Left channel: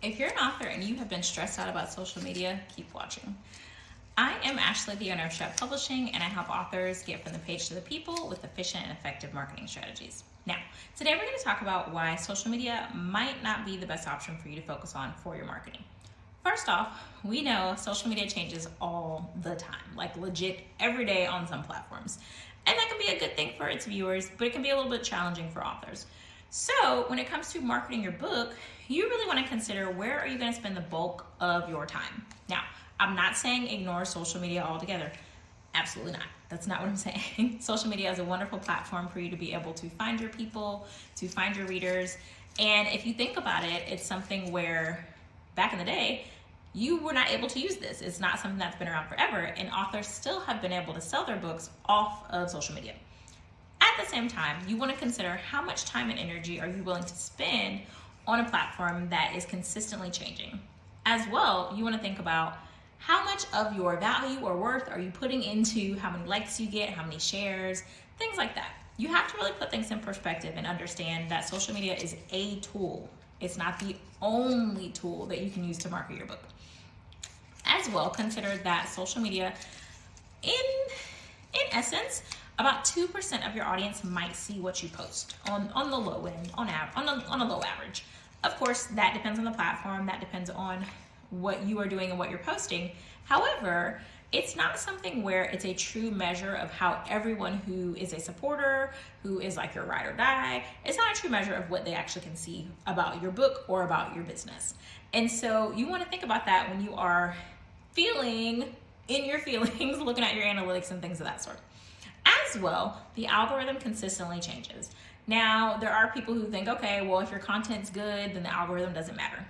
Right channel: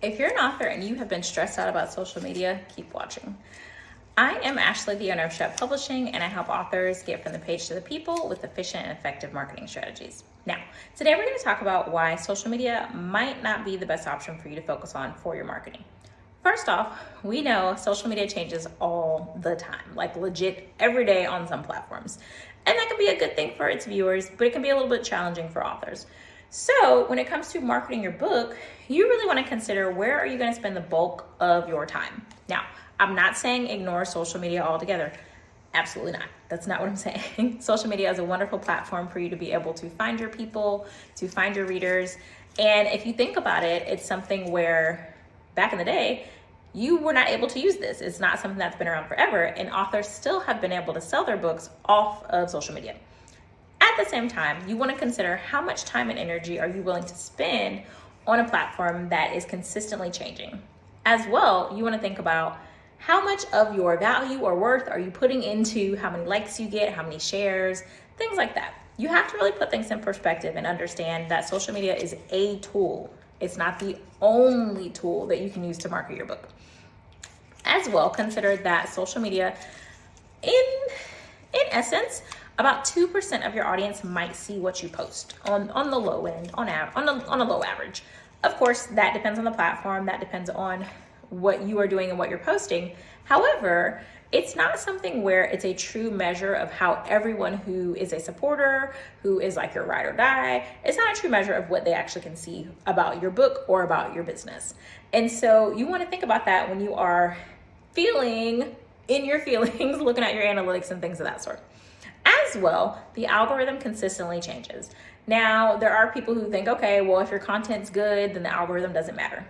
If you're an author and you have been stressed out about social media, keep watching. I am Ashley, the owner of Shep Publishing, and I help authors get from the page to the people with efficient and effective marketing strategies. Now, today we're going to talk about why social media might not be the best option for you to focus on for your marketing. First off, we know social media changes all the time, like legit every day on some platforms. And that can be a good thing for its viewers, but it can be a little bit challenging for authors. So when it comes to marketing your book, you really want to consider where are you going to spend the bulk of your time. Now, I'm not saying ignore social media altogether. Absolutely not. That's not what I'm saying. Social media is a wonderful platform for you to be able to find your people, to find your readers. And if you think about it, it's something where back in the day, you were not able to use this. It's not something that's been around forever, and authors still have been able to sell their books off of social media. At the same time, you want to consider how much time and energy are you willing to spend on a platform that is consistently changing. As well, you want to think about how much of your value or worth are you putting into how many likes you get, how many shares, things like that. You have to really put things in perspective and understand that social media is a tool. It's not the only tool that you can use to market your book. As well, consider that social media, in essence, about 2% of your audience might see what you post on the low end, on a low average. Of course, that depends on the platform, that depends on what you are doing and what you're posting. However, it's not something where it's a true measure of how everyone who is a supporter, who is like your ride or die, it's not a true measure of what they actually can see about your book or about your business. And so you want to think about that when you are feeling in your feelings, looking at your analytics and things of that sort. As well, the algorithm consistently changes. Now, there are people who think, okay, well, if your content's good, then the algorithm doesn't matter.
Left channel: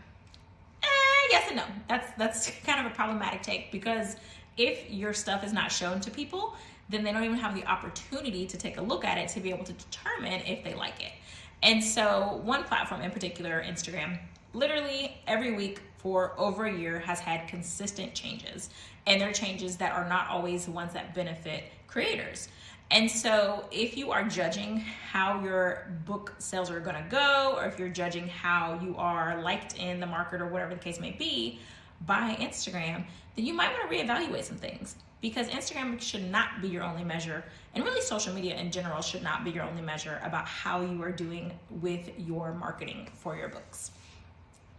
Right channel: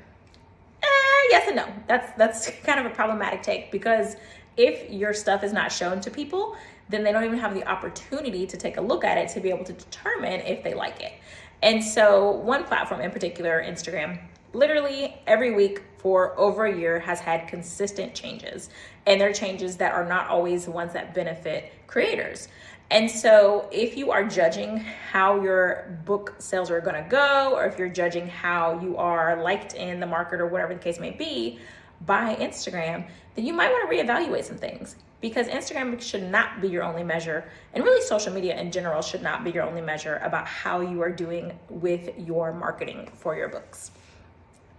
Yes and no. That's kind of a problematic take, because if your stuff is not shown to people, then they don't even have the opportunity to take a look at it to be able to determine if they like it. And so one platform in particular, Instagram, literally every week for over a year has had consistent changes, and they're changes that are not always the ones that benefit creators. And so if you are judging how your book sales are going to go, or if you're judging how you are liked in the market or whatever the case may be by Instagram, then you might want to reevaluate some things, because Instagram should not be your only measure, and really social media in general should not be your only measure about how you are doing with your marketing for your books.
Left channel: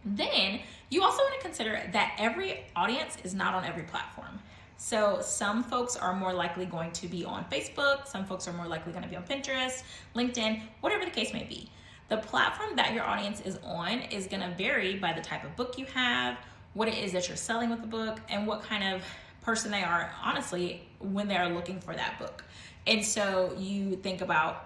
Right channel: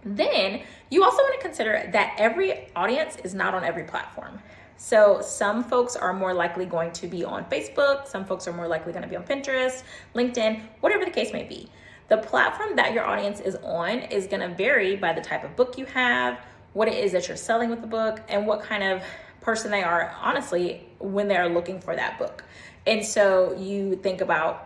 Then you also want to consider that every audience is not on every platform. So some folks are more likely going to be on Facebook, some folks are more likely going to be on Pinterest, LinkedIn, whatever the case may be. The platform that your audience is on is going to vary by the type of book you have, what it is that you're selling with the book, and what kind of person they are, honestly, when they are looking for that book. And so you think about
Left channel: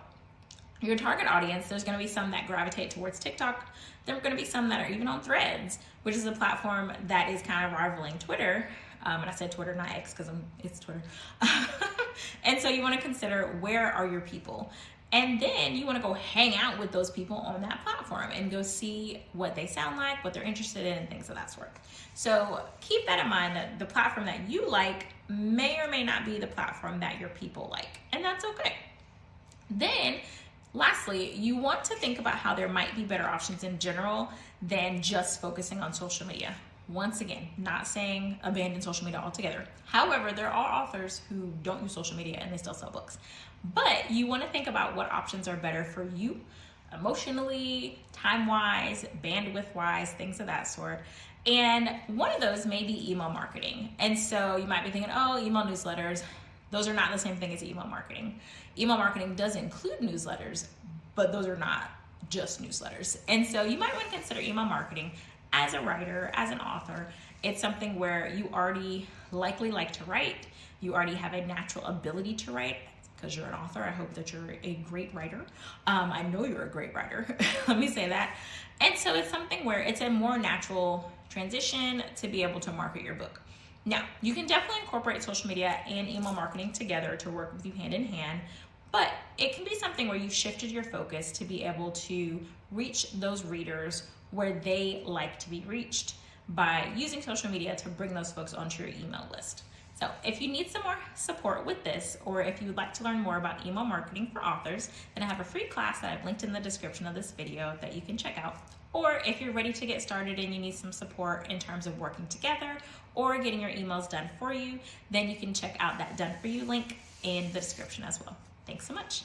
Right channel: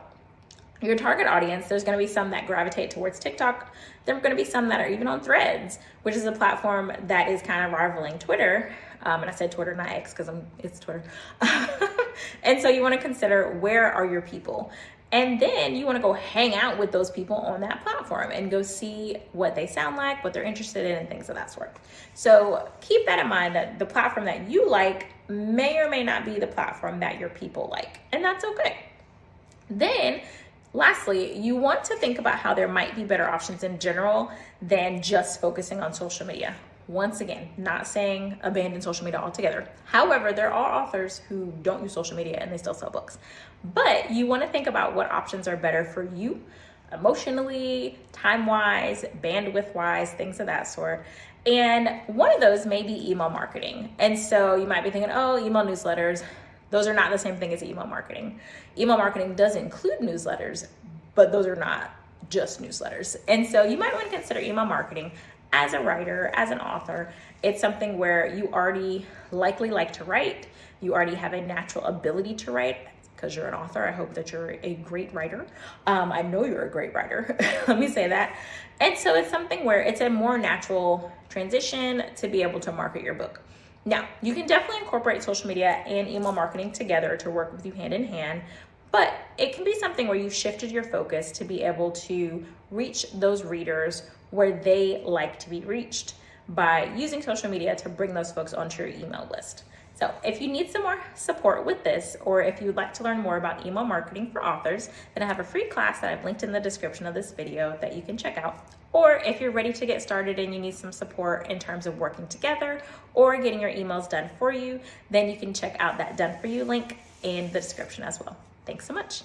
your target audience. There's going to be some that gravitate towards TikTok. There are going to be some that are even on Threads, which is a platform that is kind of rivaling Twitter. And I said Twitter, not X, because it's Twitter. And so you want to consider, where are your people? And then you want to go hang out with those people on that platform and go see what they sound like, what they're interested in, and things of that sort. So keep that in mind, that the platform that you like may or may not be the platform that your people like, and that's okay. Then lastly, you want to think about how there might be better options in general than just focusing on social media. Once again, not saying abandon social media altogether. However, there are authors who don't use social media and they still sell books. But you want to think about what options are better for you emotionally, time-wise, bandwidth-wise, things of that sort. And one of those may be email marketing. And so you might be thinking, oh, email newsletters. Those are not the same thing as email marketing. Email marketing does include newsletters, but those are not just newsletters. And so you might want to consider email marketing. As a writer, as an author, it's something where you already likely like to write. You already have a natural ability to write, because you're an author. I hope that you're a great writer. I know you're a great writer. Let me say that. And so it's something where it's a more natural transition to be able to market your book. Now, you can definitely incorporate social media and email marketing together to work with you hand in hand, but it can be something where you've shifted your focus to be able to reach those readers where they like to be reached by using social media to bring those folks onto your email list. So if you need some more support with this, or if you'd like to learn more about email marketing for authors, then I have a free class that I've linked in the description of this video that you can check out. Or if you're ready to get started and you need some support in terms of working together or getting your emails done for you, then you can check out that Done For You link in the description as well. Thanks so much.